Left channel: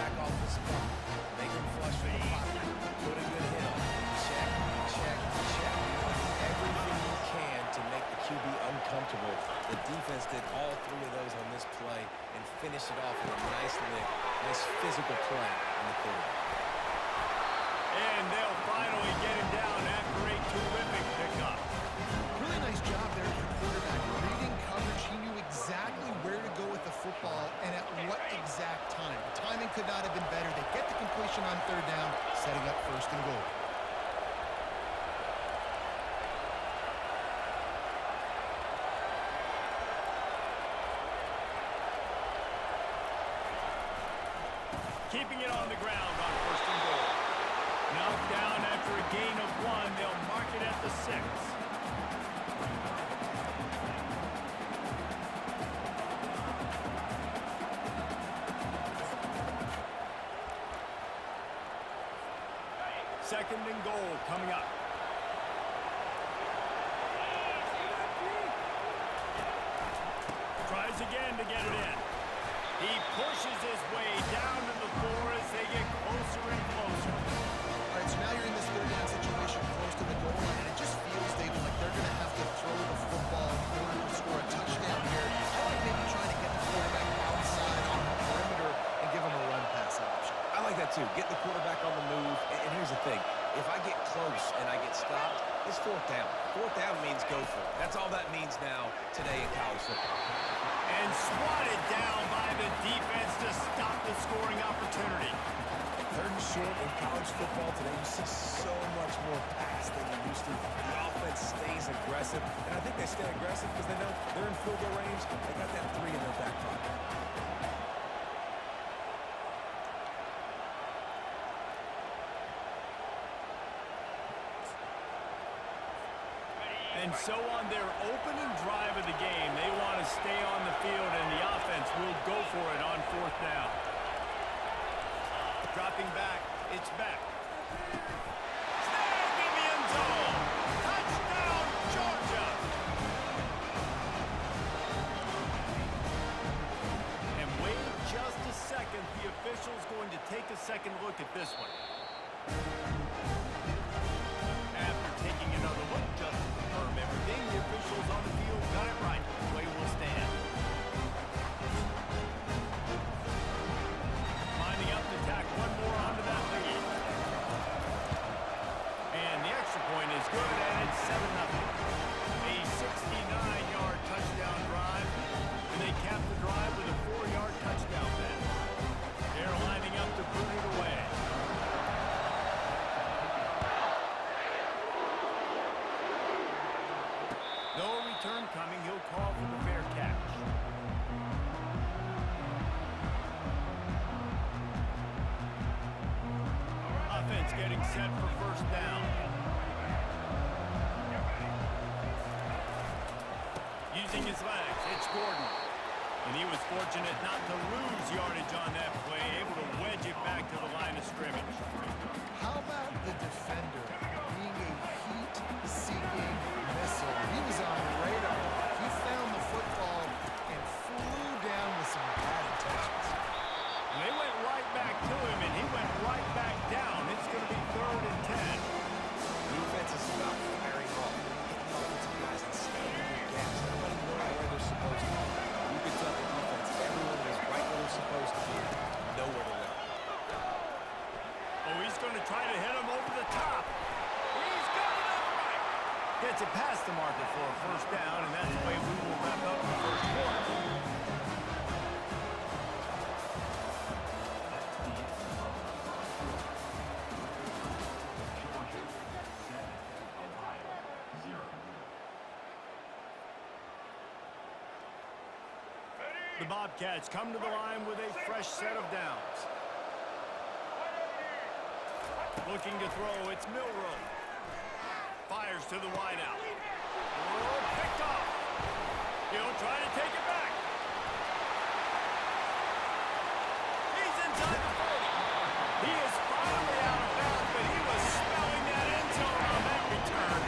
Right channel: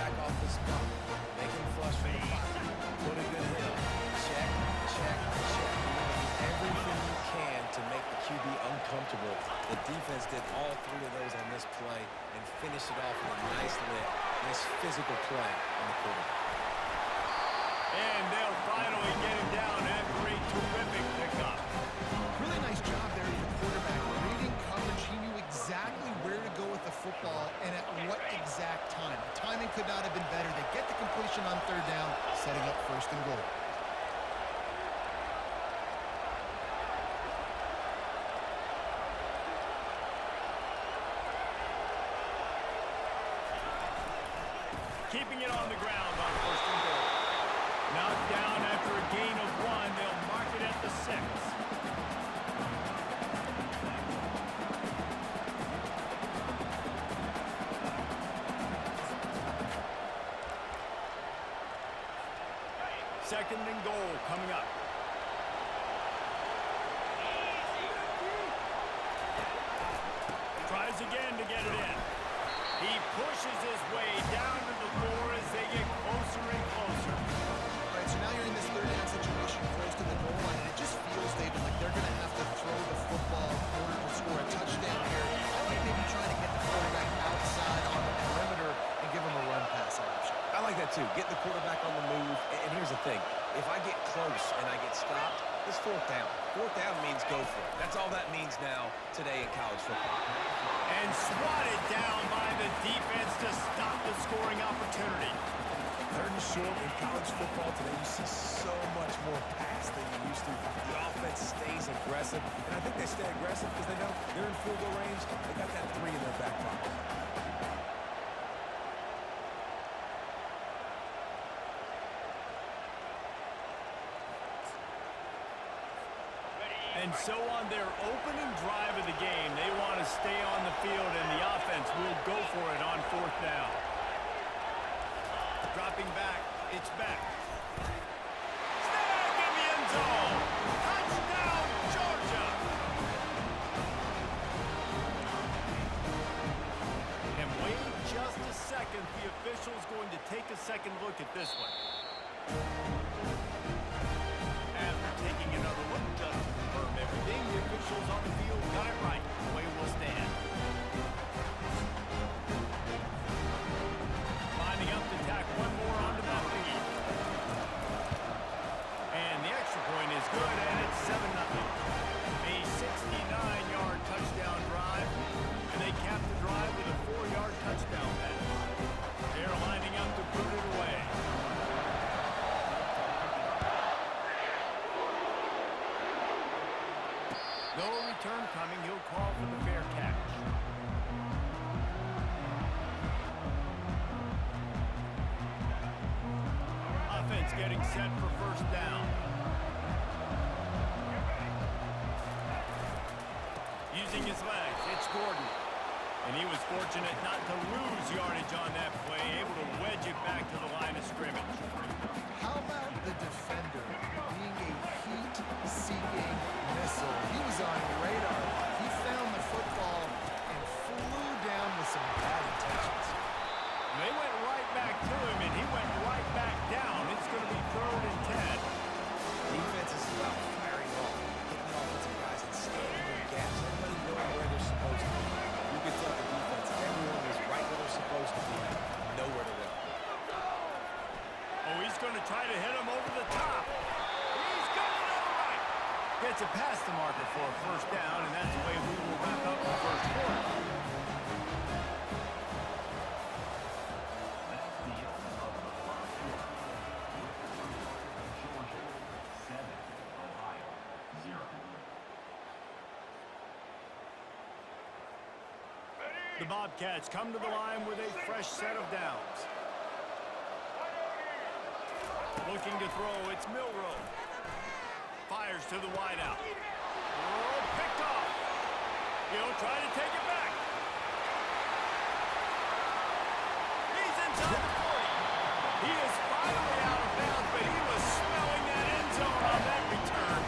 back off the spot. Make him flush for the pocket. Put a good hit on him. Check, check, check. You want to do everything you can to make the QB uncomfortable. The defense did all three of those on this play and finished it off with a nice lick, nice physical play on the quarterback. And they'll finally get him down after a terrific pickup. Really nice job there with the quarterback. Reading coverage, he knew exactly where to go with the football and at what exact time. The timing could not have been better. They get the completion on third down, setting up first and goal. Keeping it on the ground on first and goal. Knocked down after a gain of 1. They'll mark it at the 6. Second and goal coming up. Tries again to get it in. He pushes his way down to the 4 as they get closer and closer. All right, so now you're in this third down situation close to the goal line, and it just feels, David, like they're going to have to throw the football in order to score a touchdown here. I like maybe trying to get the quarterback outside on the perimeter and give him a run-pass option. I like that too. Get the quarterback on the move. And here's the thing. If I get close and I get stopped, it's fourth down. Fourth down means go for it. That's all that means now today in college football. And swatted down by the defense to stop the scoring opportunity. Third and short in college football today, you see so much more pass than you used to. The offense stays aggressive, and I think they stay aggressive because they know they're in field goal range. They got that 3 in their back pocket. And so on their opening drive of the game, they want to stay on the field, and the offense will go for it on fourth down. Dropping back, it's back. Snag in the end zone. Touchdown, Georgia. And wait just a second. The official's going to take a second look at this one. After taking another look just to confirm everything, the officials on the field got it right. Play will stand. Lining up to tack one more onto that lead. And the extra point is good, and it's 7-0. A 69-yard touchdown drive, and they cap the drive with a 4-yard touchdown pass. They're lining up to boot it away. No return coming. He'll call for the fair catch. Offense getting set for first down. Using his legs, it's Gordon. And he was fortunate not to lose yardage on that play, able to wedge it back to the line of scrimmage. How about the defender being a heat-seeking missile? He was on radar. He found the football and flew down with some bad intentions. They went right back to him, and he went right back down. It's going to be 3rd and 10. Defense is about firing off, hitting the offensive guys and staying in their gaps. Everybody knowing where they're supposed to be. You could tell the defense, everyone was right where they're supposed to be, nowhere to run. Oh, he's going to try to hit him over the top. He's got it on the right. Gets it past the marker for a first down, and that's the way we will wrap up the first quarter. The Bobcats come to the line with a fresh set of downs. Looking to throw, it's Milroe. Fires to the wideout. Oh, picked off. He'll try to take it back. He's inside the 40. He is finally out of bounds, but he was smelling that end zone on that return.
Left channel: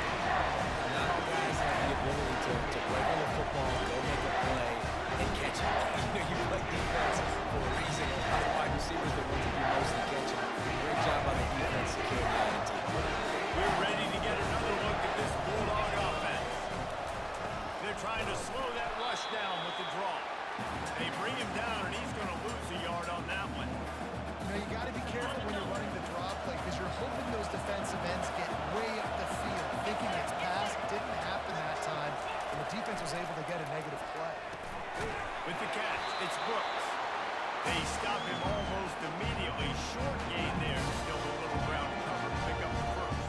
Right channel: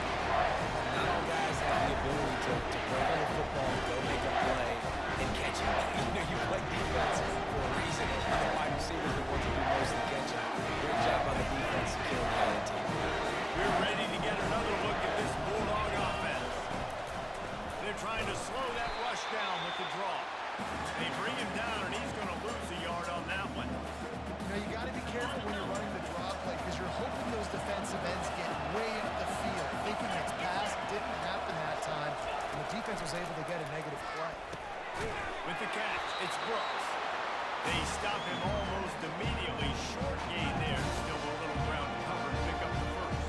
Not all guys have the ability to break on the football, go make a play, and catch it. You know, you play defense for a reason. A lot of wide receivers that want to defensive ends get way up the field, thinking it's passed. Didn't happen that time, and the defense was able to get a negative play. With the catch, it's Brooks. They stop him almost immediately. Short gain there. Still a little ground to cover to pick up the first.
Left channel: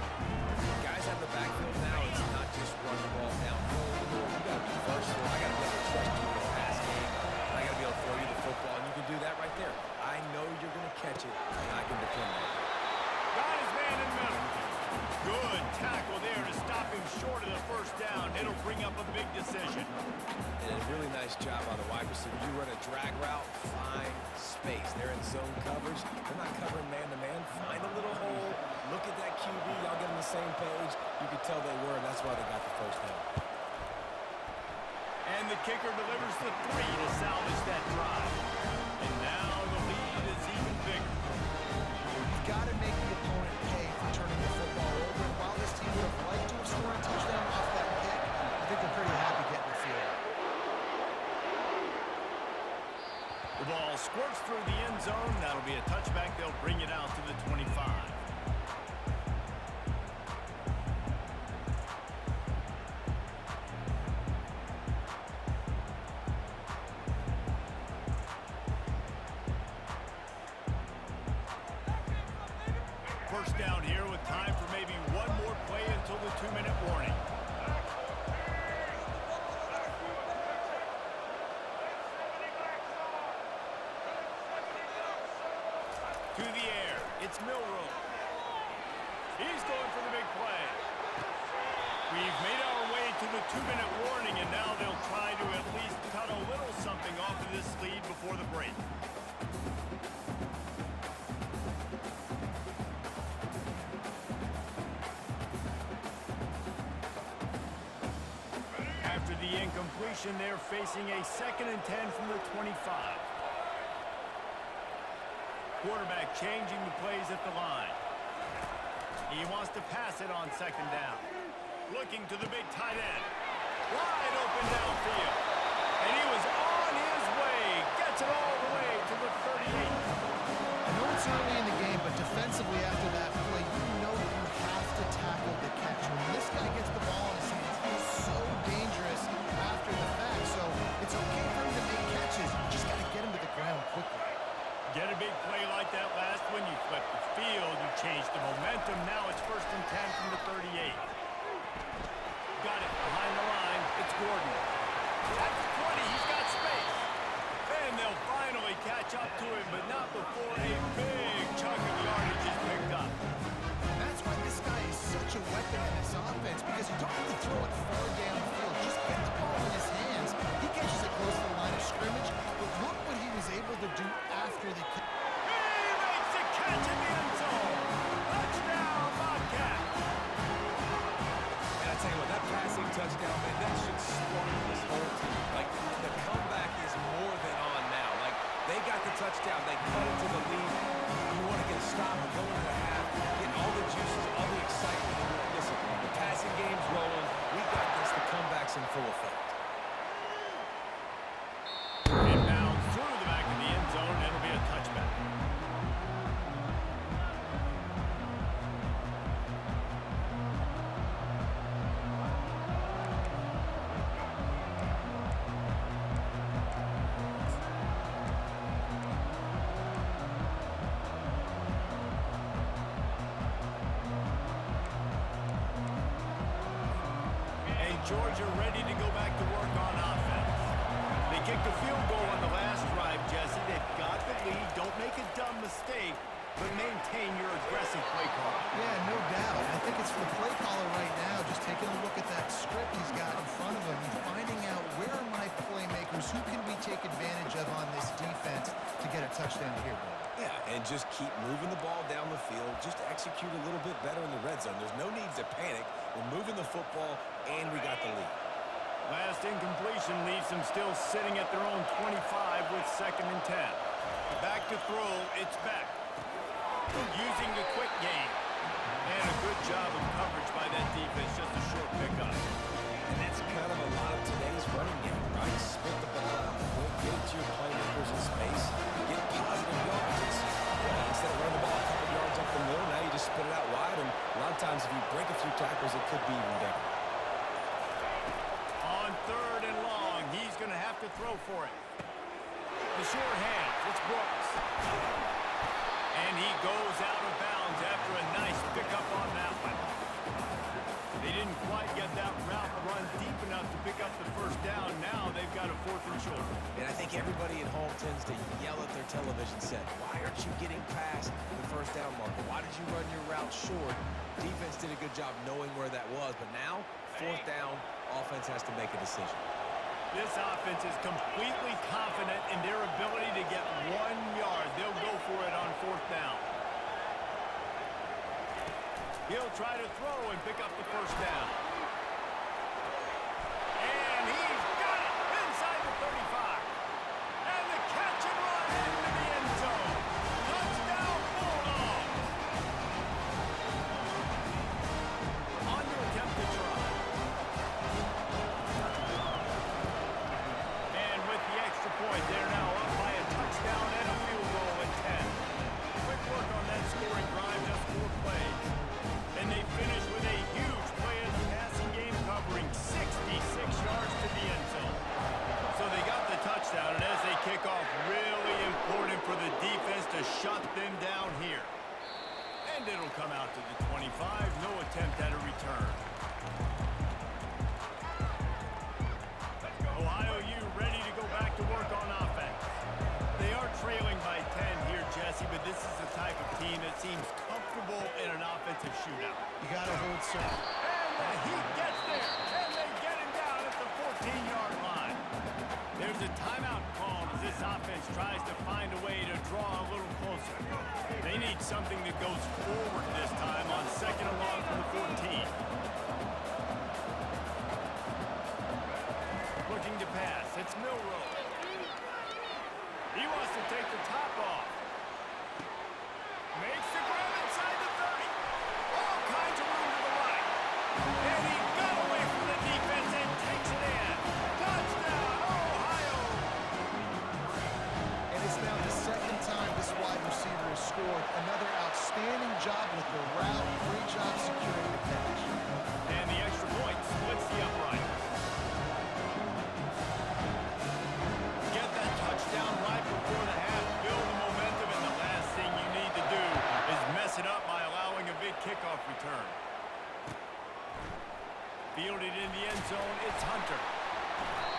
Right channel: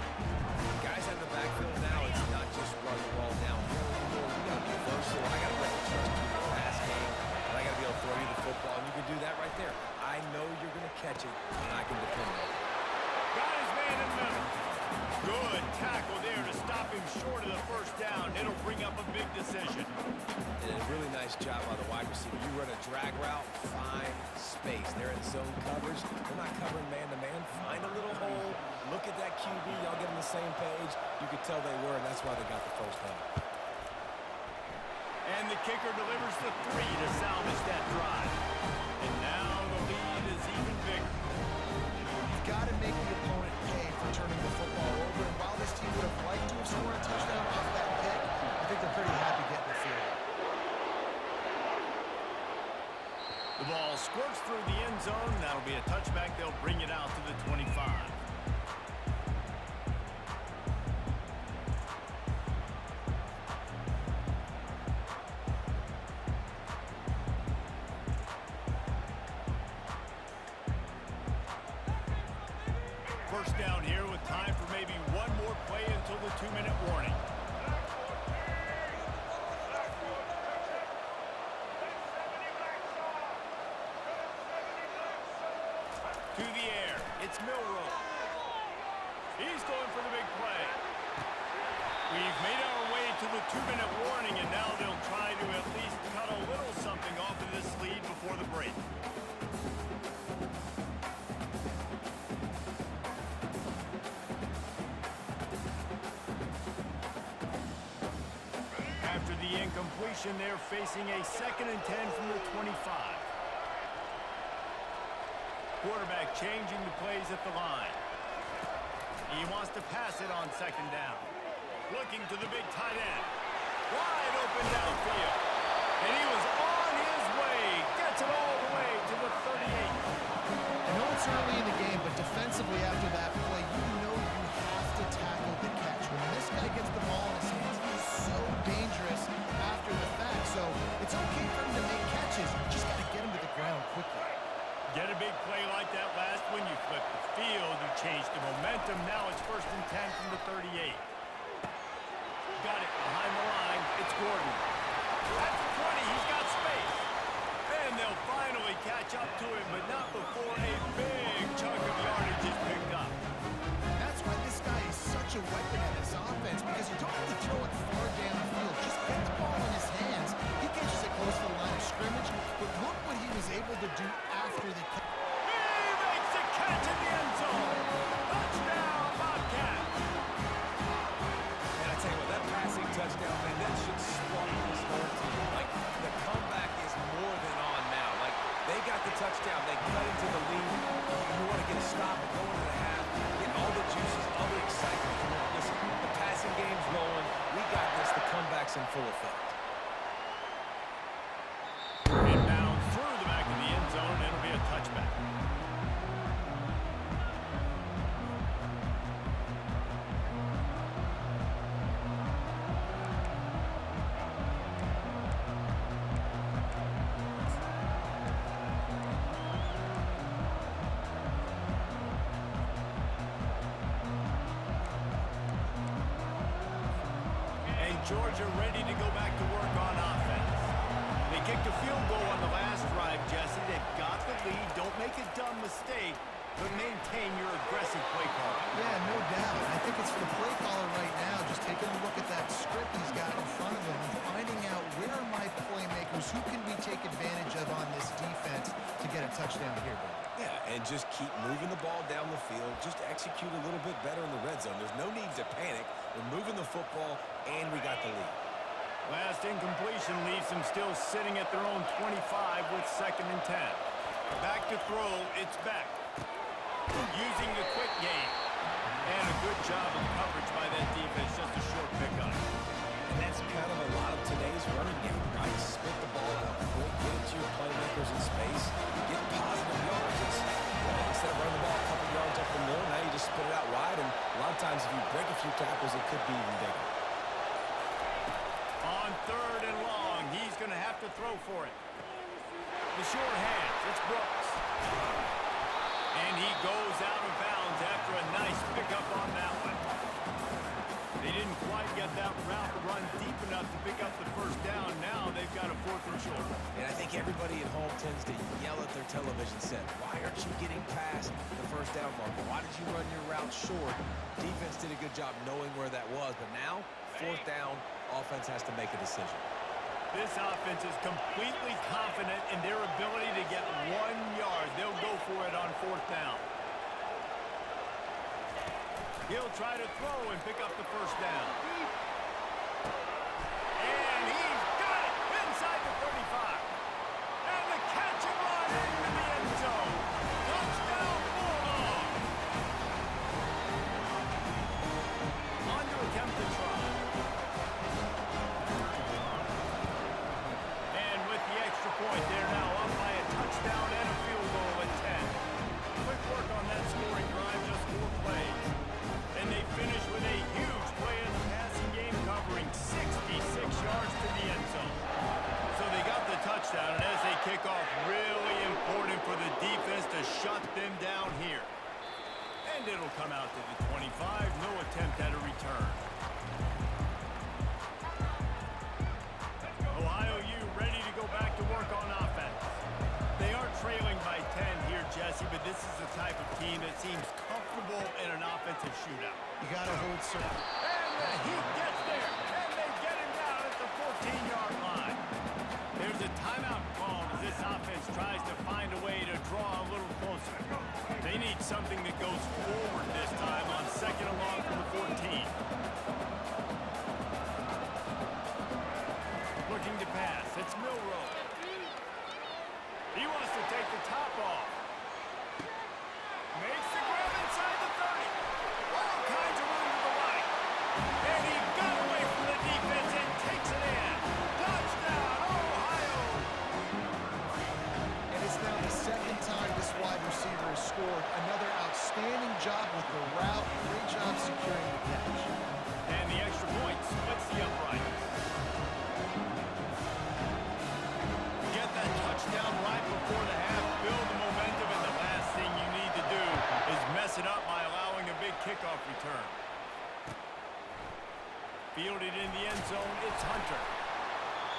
Guys out of the backfield now, it's not just run the ball downhill anymore. You got to be versatile. I got to be able to trust you in the pass game, and I got to be able to throw you the football, and you can do that right there. I know you're going to catch it, and I can depend on it. Got his man in the middle. Good tackle there to stop him short of the first down. It'll bring up a big decision. And a really nice job by the wide receiver. You run a drag route, find space. They're in zone coverage. They're not covering man-to-man. Find a little hole. Look at that QB. Y'all get on the same page. You could tell they were, and that's why they got the first down. And the kicker delivers the 3 to salvage that drive. And now the lead is even bigger. You've got to make the opponent pay for turning the football over, and while this team would have liked to have scored a touchdown off that pick, I think they're pretty happy getting the field goal. The ball squirts through the end zone. That'll be a touchback. They'll bring it out to the 25. First down here with time for maybe one more play until the 2-minute warning. To the air, it's Milroe. He's going for the big play. We've made our way to the 2-minute warning, and now they'll try to at least cut a little something off of this lead before the break. After the incompletion, they're facing a 2nd and 10 from the 25. Quarterback changing the plays at the line. He wants to pass it on 2nd down. Looking to the big tight end. Wide open downfield. And he was on his way. Gets it all the way to the 38. I know it's early in the game, but defensively after that play, you know you have to tackle the catch. When this guy gets the ball in his hands, he is so dangerous after the fact. So it's okay for him to make catches. Just got to get him to the ground quickly. Get a big play like that last one. You flip the field. You change the momentum. Now it's 1st and 10 from the 38. Got it behind the line. It's Gordon. At the 20, he's got space. And they'll finally catch up to him, but not before a big chunk of yardage is picked up. That's why this guy is such a weapon in this offense, because you don't have to throw it far downfield. Just get the ball in his hands. He catches it close to the line of scrimmage, but look what he was able to do after the catch. He makes the catch in the end zone. Touchdown, Bobcats. And I tell you what, that passing touchdown, man, that should spark this whole team. Like, the comeback is more than on now. Like, they got the touchdown. They cut into the lead. You want to get a stop and go into the half, get all the juices, all the excitement. And listen, the passing game's rolling. We got this. The comeback's in full effect. Inbounds through the back of the end zone, and it'll be a touchback. Georgia ready to go back to work on offense. They kicked a field goal on the last drive, Jesse. They've got the lead. Don't make a dumb mistake, but maintain your aggressive play calling. Yeah, no doubt. I think it's for the play caller right now, just taking a look at that script he's got in front of him and finding out where are my playmakers, who can we take advantage of on this defense to get a touchdown here, Bill. Yeah, and just keep moving the ball down the field. Just execute a little bit better in the red zone. There's no need to panic. We're moving the football, and we got the lead. Last incompletion leaves them still sitting at their own 25 with 2nd and 10. Back to throw, it's Beck. Using the quick game. And a good job of coverage by that defense, just a short pickup. And that's kind of a lot of today's running game, right? Spit the ball out quick, get it to your playmakers in space, get positive yards. It's, instead of running the ball a couple yards up the middle, now you just spit it out wide, and sometimes if you break a few tackles, it could be even bigger. On 3rd and long, he's going to have to throw for it. The short hands, it's Brooks. And he goes out of bounds after a nice pickup on that one. They didn't quite get that route run deep enough to pick up the first down. Now they've got a 4th and short. And I think everybody at home tends to yell at their television set, why aren't you getting past the first down marker? Why did you run your route short? Defense did a good job knowing where that was, but now, 4th down, offense has to make a decision. This offense is completely confident in their ability to get 1 yard. They'll go for it on 4th down. He'll try to throw and pick up the first down. And he's got it inside the 35. And the catch and run into the end zone. Touchdown, Bulldogs. On to attempt the try. And with the extra point, they're now up by a touchdown and a field goal at 10. Quick work on that scoring drive, just 4 plays. And they finish with a huge play in the passing game, covering 66 yards to the end zone. So they got the touchdown, and as they kick off, really important for the defense to shut them down here. And it'll come out to the 25, no attempt at a return. Ohio U ready to go back to work on offense. They are trailing by 10 here, Jesse, but this is the type of team that seems comfortable in an offensive shootout. You got to hold serve. And the Heat gets there, and they get him down at the 14-yard line. There's a timeout called as this offense tries to find a way to draw a little closer. They need something that goes forward this time on 2nd and long from the 14. Looking to pass, it's Milroe. He wants to take the top off. Makes the grab inside the 30. All kinds of room to the right. And he got away from the defense and takes it in. Touchdown, Ohio! And it's now the 2nd time this wide receiver has scored. Another outstanding job with the route. Great job securing the catch. And the extra point splits the uprights. Get that touchdown right before the half, build the momentum, and the last thing you need to do is mess it up by allowing a big kickoff return. Fielded in the end zone, it's Hunter.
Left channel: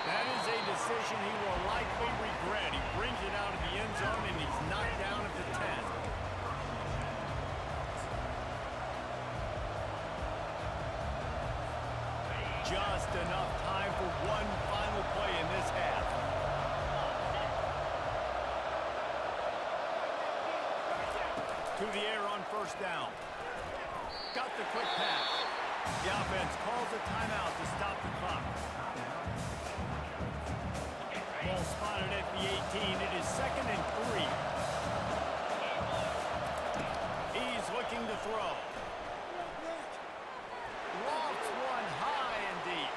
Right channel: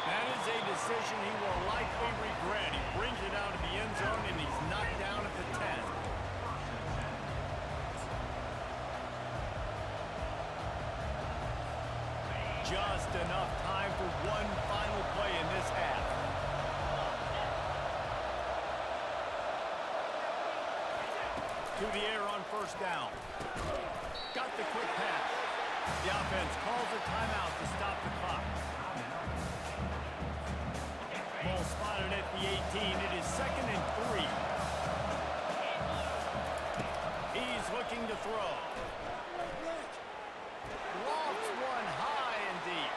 That is a decision he will likely regret. He brings it out of the end zone, and he's knocked down at the 10. Just enough time for one final play in this half. To the air on 1st down. Got the quick pass. The offense calls a timeout to stop the clock. Ball spotted at the 18. It is 2nd and 3. He's looking to throw. Lofts one high and deep.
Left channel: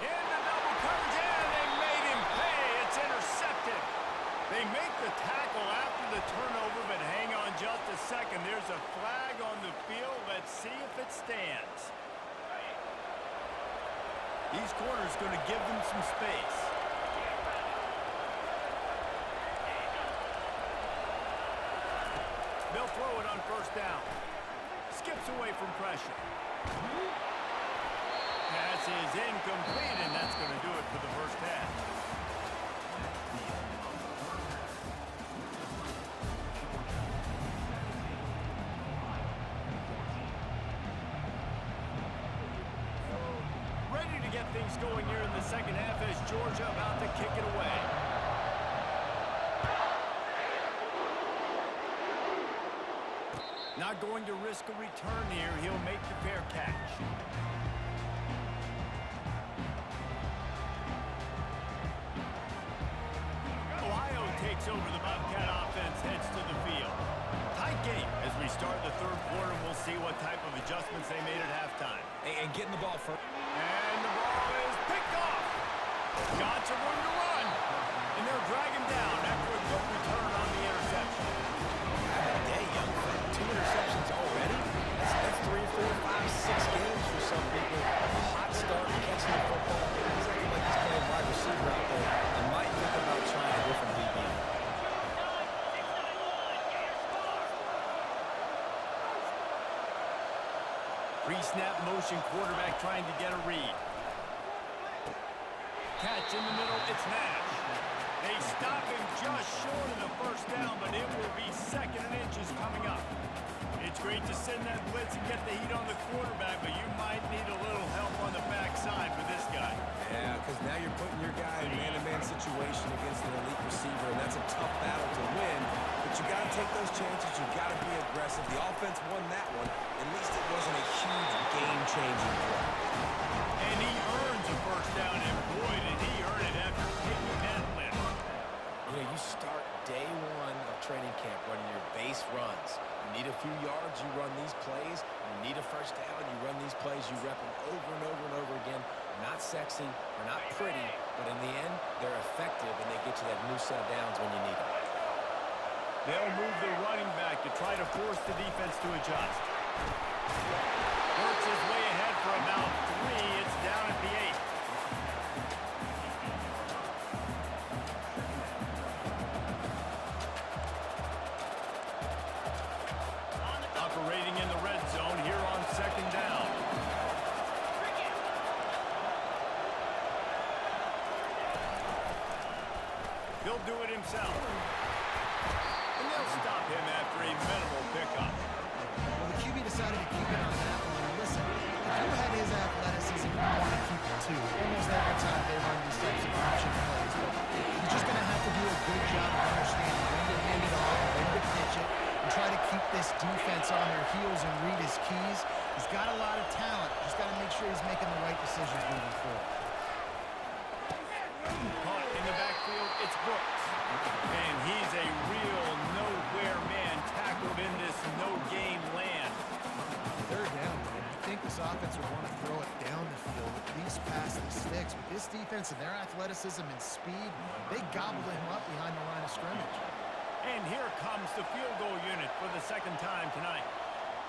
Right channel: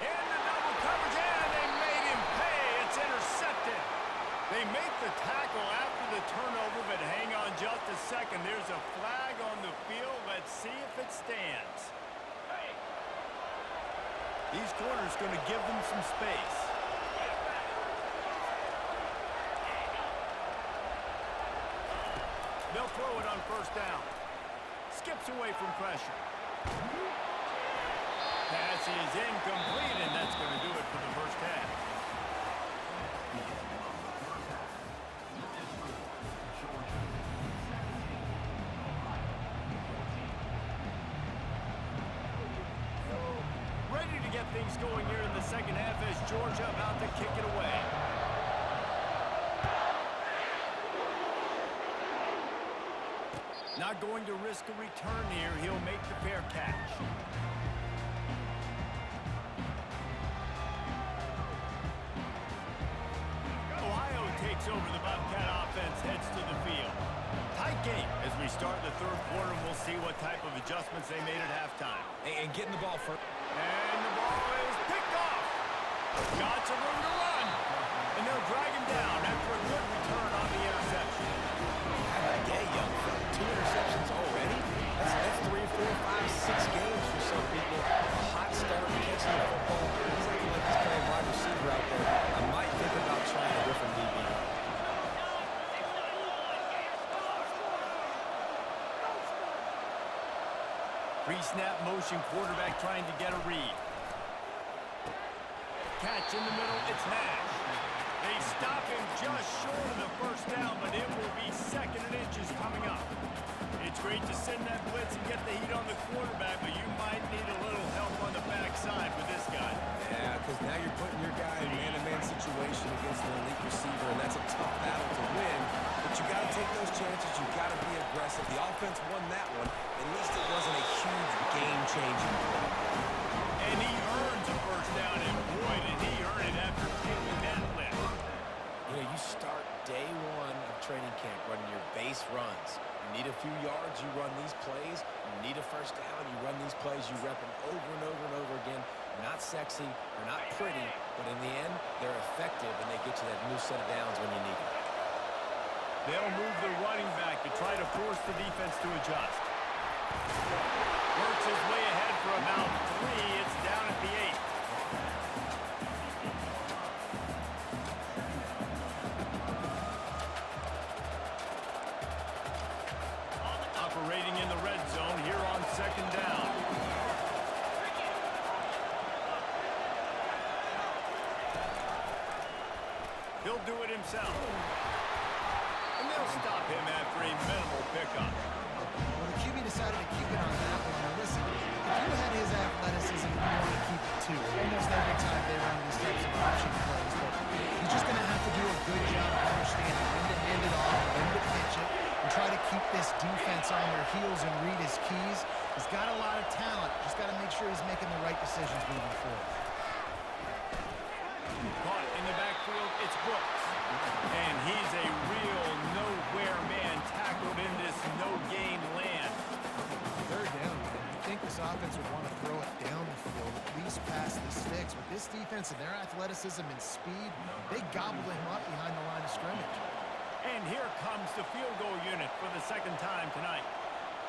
Into double coverage, and they made him pay. It's intercepted. They make the tackle after the turnover, but hang on just a second. There's a flag on the field. Let's see if it stands. These corners going to give them some space. They'll throw it on 1st down. Skips away from pressure. Pass is incomplete, and that's going to do it for the first half. Ready to get things going here in the 2nd half as Georgia about to kick it away. Not going to risk a return here. He'll make the fair catch. Ohio takes over the Bobcat offense, heads to the field. Tight game as we start the 3rd quarter, and we'll see what type of adjustments they made at halftime. And getting the ball first. And the ball is picked off. Got some room to run. And they'll drag him down after a good return on the interception. Have a day, young fella. 2 interceptions already? That's 6 games for some people. A hot start, catching the football. He's acting like he's playing wide receiver out there. I might think about trying a different DB. Pre-snap motion, quarterback trying to get a read. Catch in the middle, it's Nash. They stop him just short of the first down, but it will be 2nd and inches coming up. It's great to send that blitz and get the heat on the quarterback, but you might need a little help on the backside with this guy. Yeah, because now you're putting your guy in man-to-man situation against an elite receiver, and that's a tough battle to win. But you got to take those chances. You got to be aggressive. The offense won that one. At least it wasn't a huge game-changing play. And he earns a first down, and boy, did he earn it after taking that lift. You know, you start day 1 of training camp running your base runs. You need a few yards, you run these plays. You need a first down, you run these plays. You rep them over and over and over again. They're not sexy, they're not pretty, but in the end, they're effective, and they get you that new set of downs when you need them. They'll move the running back to try to force the defense to adjust. Works his way ahead for about 3. It's down at the 8. Operating in the red zone here on 2nd down. He'll do it himself. And they'll stop him after a minimal pickup. Well, the QB decided to keep it on that one. And listen, if you had his athleticism, you want to keep it too. Almost every time they run these types of option plays. But he's just going to have to do a good job of understanding when to hand it off, when to pitch it, and try to keep this defense on their heels and read his keys. He's got a lot of talent. Just got to make sure he's making the right decisions moving forward. Caught in the backfield, it's Brooks. And he's a real nowhere man tackled in this no-gain land. 3rd down, man. You think this offense would want to throw it down the field, at least past the sticks. With this defense and their athleticism and speed, they gobbled him up behind the line of scrimmage. And here comes the field goal unit for the 2nd time tonight.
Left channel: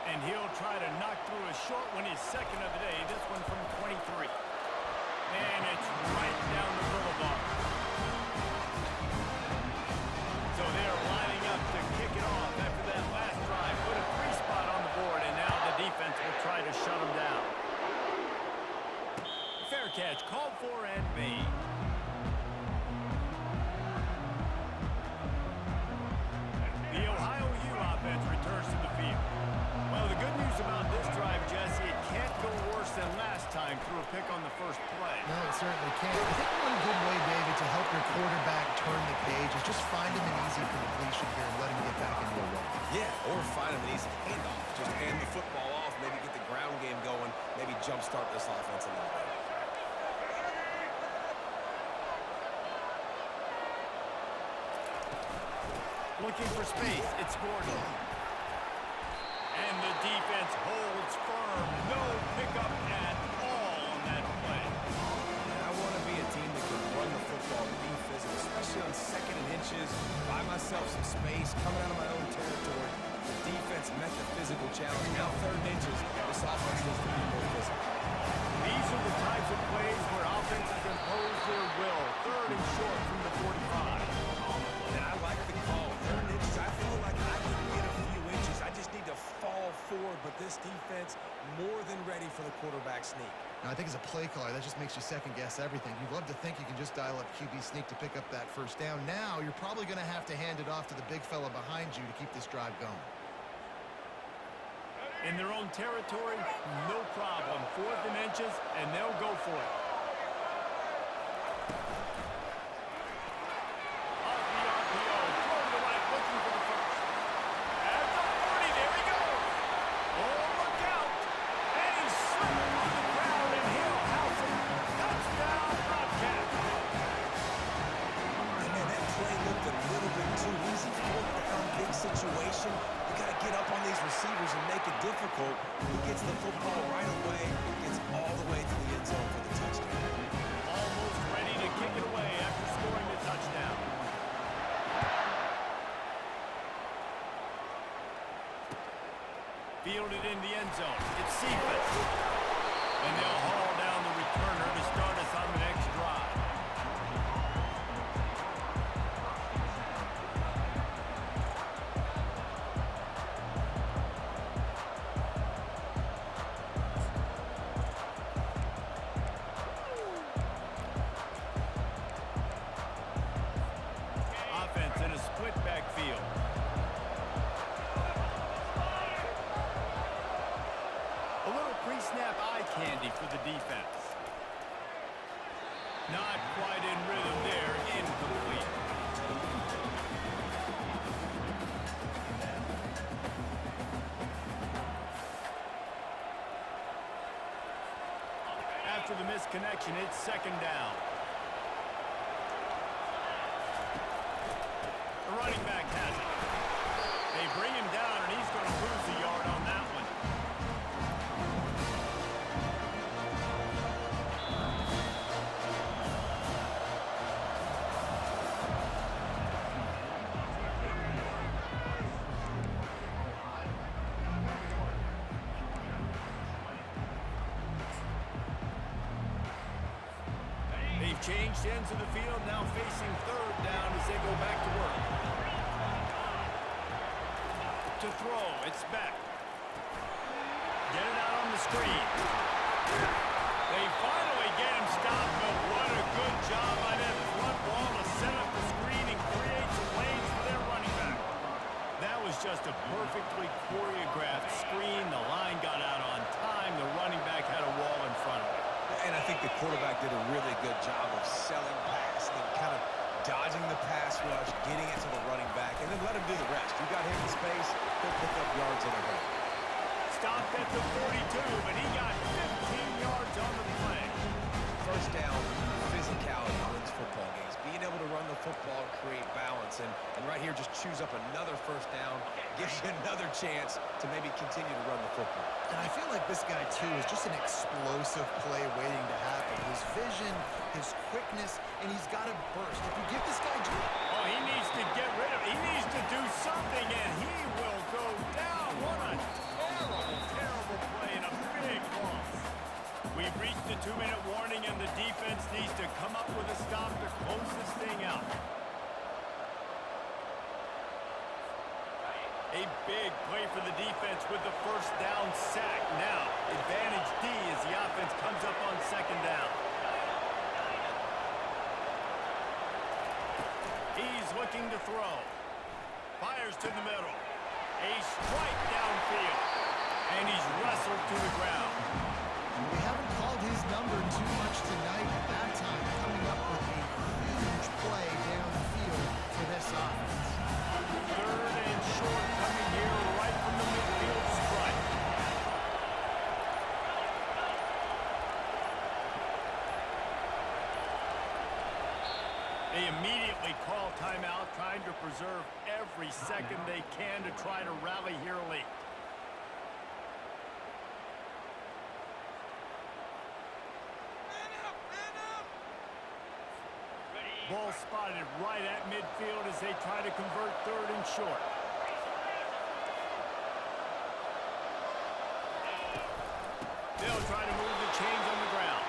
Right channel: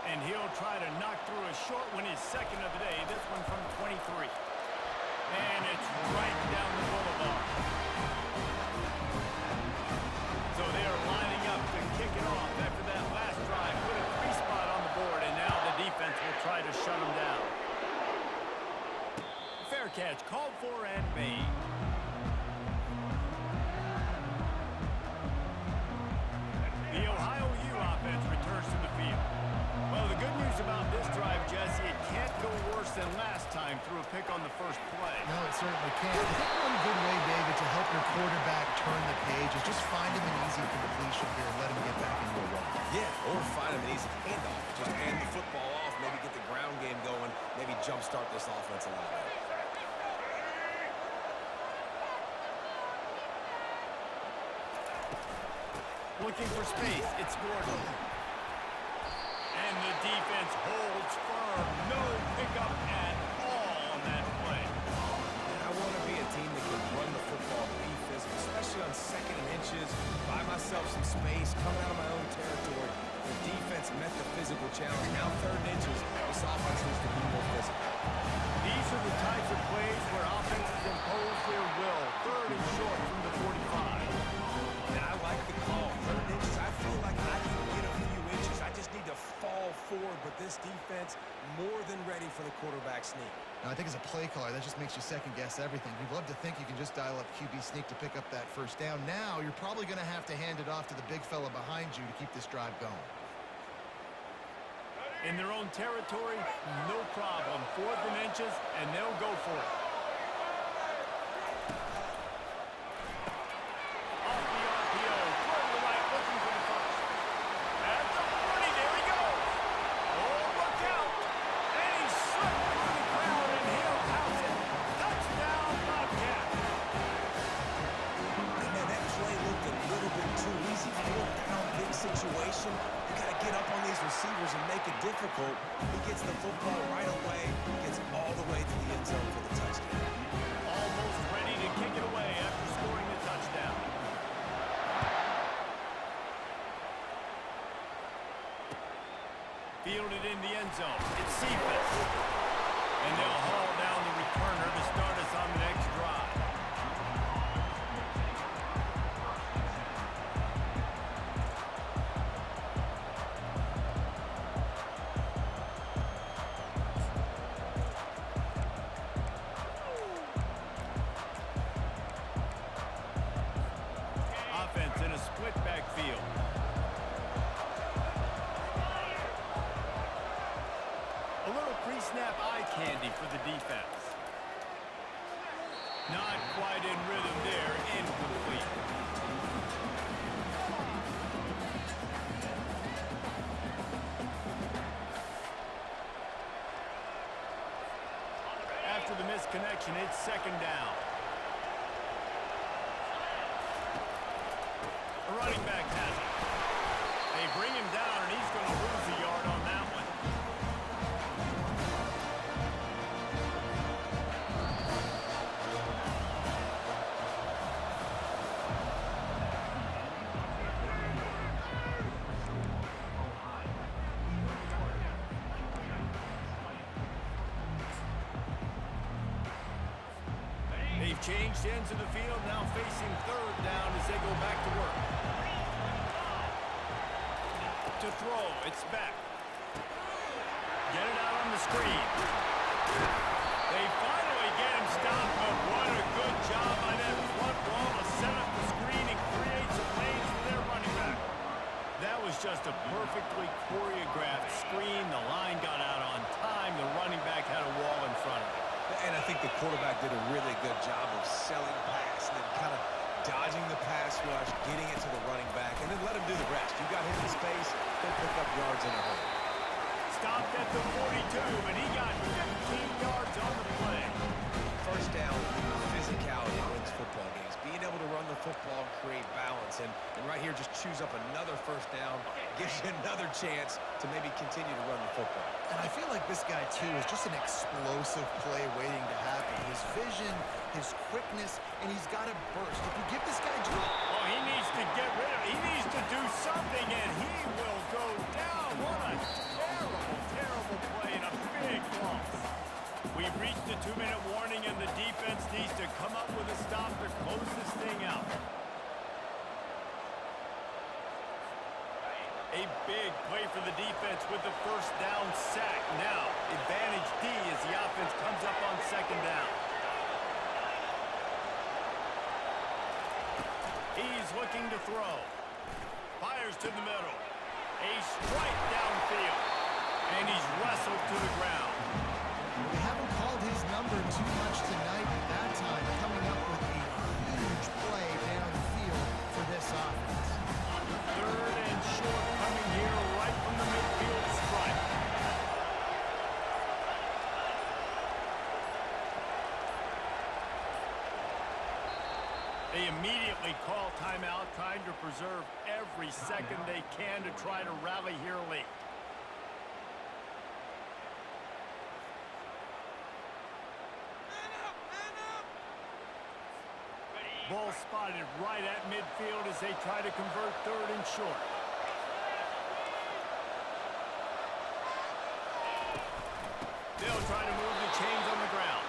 And he'll try to knock through a short one, his 2nd of the day, this one from 23. And it's right down the boulevard. So they're lining up to kick it off after that last drive. Put a 3 spot on the board, and now the defense will try to shut them down. Fair catch, called for and made. The Ohio U offense returns to the field. Well, the good news about this drive, Jesse, it can't go worse than last time through a pick on the first play. No, it certainly can't. I think one good way, David, to help your quarterback turn the page is just find him an easy completion here and let him get back into a run. Yeah, or find him an easy handoff. Just hand the football off, maybe get the ground game going, maybe jumpstart this offense a little bit. Looking for space, it's Gordon. And the defense holds firm. No pickup at all on that play. I want to be a team that can run the football, be physical, especially on 2nd and inches, buy myself some space, coming out of my own territory. The defense met the physical challenge. Now 3rd and inches, this offense needs to be more physical. These are the types of plays where offenses impose their will. 3rd and short from the 45. And I like the call. 3rd and inches, I feel like I can get a few inches. I just need to fall forward, but this defense more than ready for the quarterback sneak. Now, I think as a play caller, that just makes you second-guess everything. You'd love to think you can just dial up QB sneak to pick up that first down. Now, you're probably going to have to hand it off to the big fella behind you to keep this drive going. In their own territory, no problem. 4th and inches, and they'll go for it. Off the RPO, throw to the right, looking for the first. At the 40, there he goes. Oh, look out. And he slipped through the crowd, and he'll house it. Touchdown, Bobcats. And man, that play looked a little bit too easy. 4th down, big situation. You got to get up on these receivers and make it difficult. He gets the football right away, gets all the way to the end zone for the touchdown. Almost ready to kick it away after scoring the touchdown. Fielded in the end zone. It's Cephas. And they'll haul down the returner to start us on the next drive. Offense in a split backfield. A little pre-snap eye candy for the defense. Not quite in rhythm there, incomplete. After the misconnection, it's second down. The running back has it. They bring him down, and he's going to lose a yard on that one. They've changed ends of the field, now facing third down as they go back to work. To throw, it's back. Get it out on the screen. They finally get him stopped, but what a good job by that front wall to set up the screen and create some lanes for their running back. That was just a perfectly choreographed screen. The line got out on time. The running back had a wall in front of it. And I think the quarterback did a really good job of selling pass and then kind of dodging the pass rush, getting it to the running back, and then let him do the rest. You got him in space, he'll pick up yards in a hurry. Stopped at the 42, but he got 15 yards on the play. First down, physicality wins football games. Being able to run the football and create balance. And right here, just choose up another first down, gives you another chance to maybe continue to run the football. And I feel like this guy, too, is just an explosive play waiting to happen. His vision, his quickness, and he's got a burst. If you give this guy juice... Oh, he needs to get rid of it. He needs to do something, and he will go down. What a terrible, terrible play and a big loss. We've reached the 2-minute warning, and the defense needs to come up with a stop to close this thing out. A big play for the defense with the first down sack. Now, advantage D as the offense comes up on second down. He's looking to throw. Fires to the middle. A strike downfield. And he's wrestled to the ground. They haven't called his number too much tonight at that time, coming up with a huge play down the field for this offense. Third and short coming here right from the midfield stripe. They immediately call timeout, trying to preserve every second they can to try to rally here late. Ball spotted right at midfield as they try to convert third and short. They'll try to move the chains on the ground.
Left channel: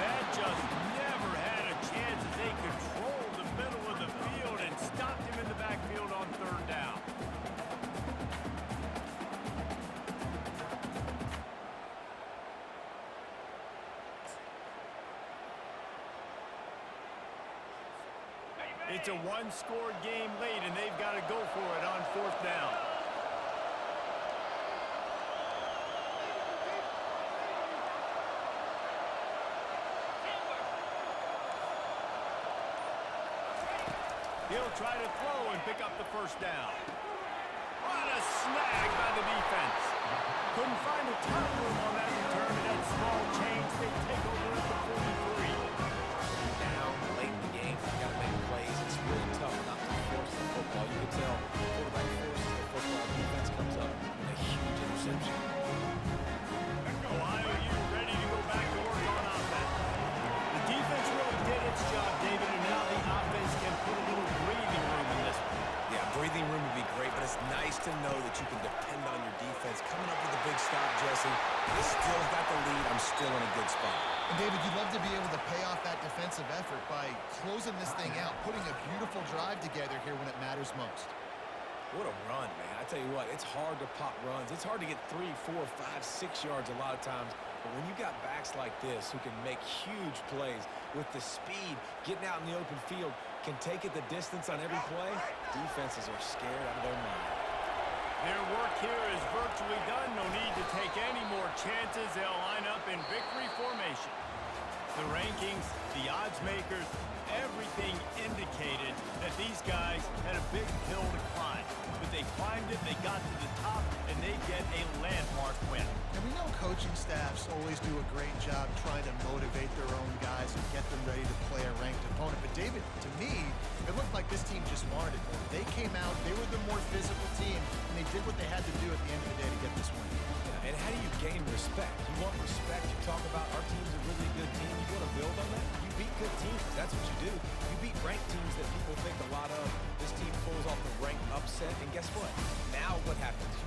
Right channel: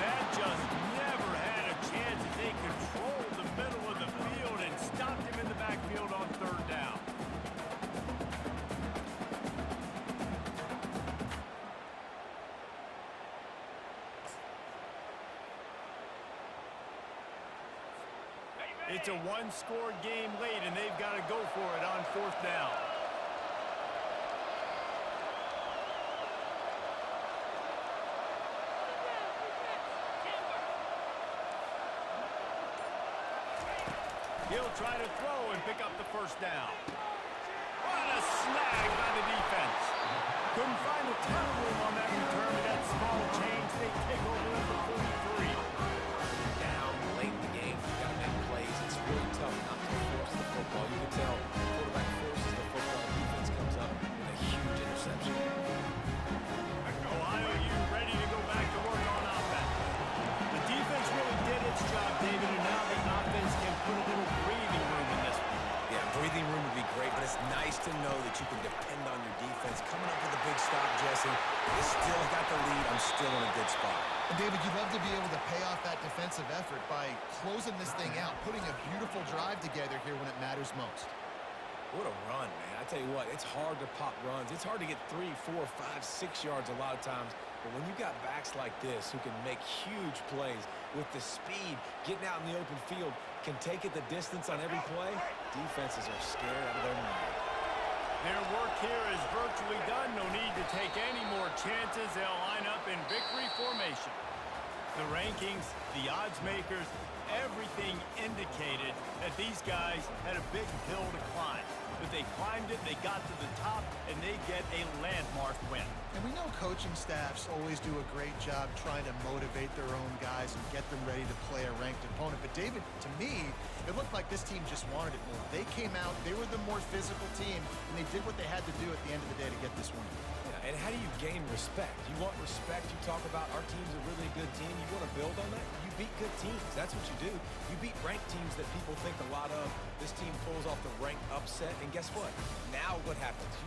That just never had a chance as they controlled the middle of the field and stopped him in the backfield on third down. It's a one-score game late, and they've got to go for it on fourth down. He'll try to throw and pick up the first down. What a snag by the defense. Couldn't find a ton of room on that return, and that small change, they take over at the 43. Down late in the game, you got to make plays. It's really tough not to force the football. You can tell quarterback forces the football. Defense comes up with a huge interception. Ohio U ready to go back to work on offense. The defense really did its job, David, and now the offense can put a little breathing room in this one. Yeah, breathing room would be great, but it's nice to know that you can depend on your defense. Coming up with a big stop, Jesse. They still got the lead. I'm still in a good spot. And David, you'd love to be able to pay off that defensive effort by closing this thing out, putting a beautiful drive together here when it matters most. What a run, man. I tell you what, it's hard to pop runs. It's hard to get 3, 4, 5, 6 yards a lot of times. But when you got backs like this who can make huge plays with the speed, getting out in the open field, can take it the distance on every play, defenses are scared out of their mind. Their work here is virtually done. No need to take any more chances. They'll line up in victory formation. The rankings, the odds makers, everything indicated that these guys had a big hill to climb. But they climbed it, they got to the top, and they get a landmark win. And we know coaching staffs always do a great job trying to motivate their own guys and get them ready to play a ranked opponent. But David, to me, it looked like this team just wanted it more. They came out, they were the more physical team, and they did what they had to do at the end of the day to get this win. Yeah, and how do you gain respect? You want respect, you talk about our team's a really good team. You want to build on that? You beat good teams. That's what you do. You beat ranked teams that people think a lot of. This team pulls off the ranked upset, and guess what? Now what happens? You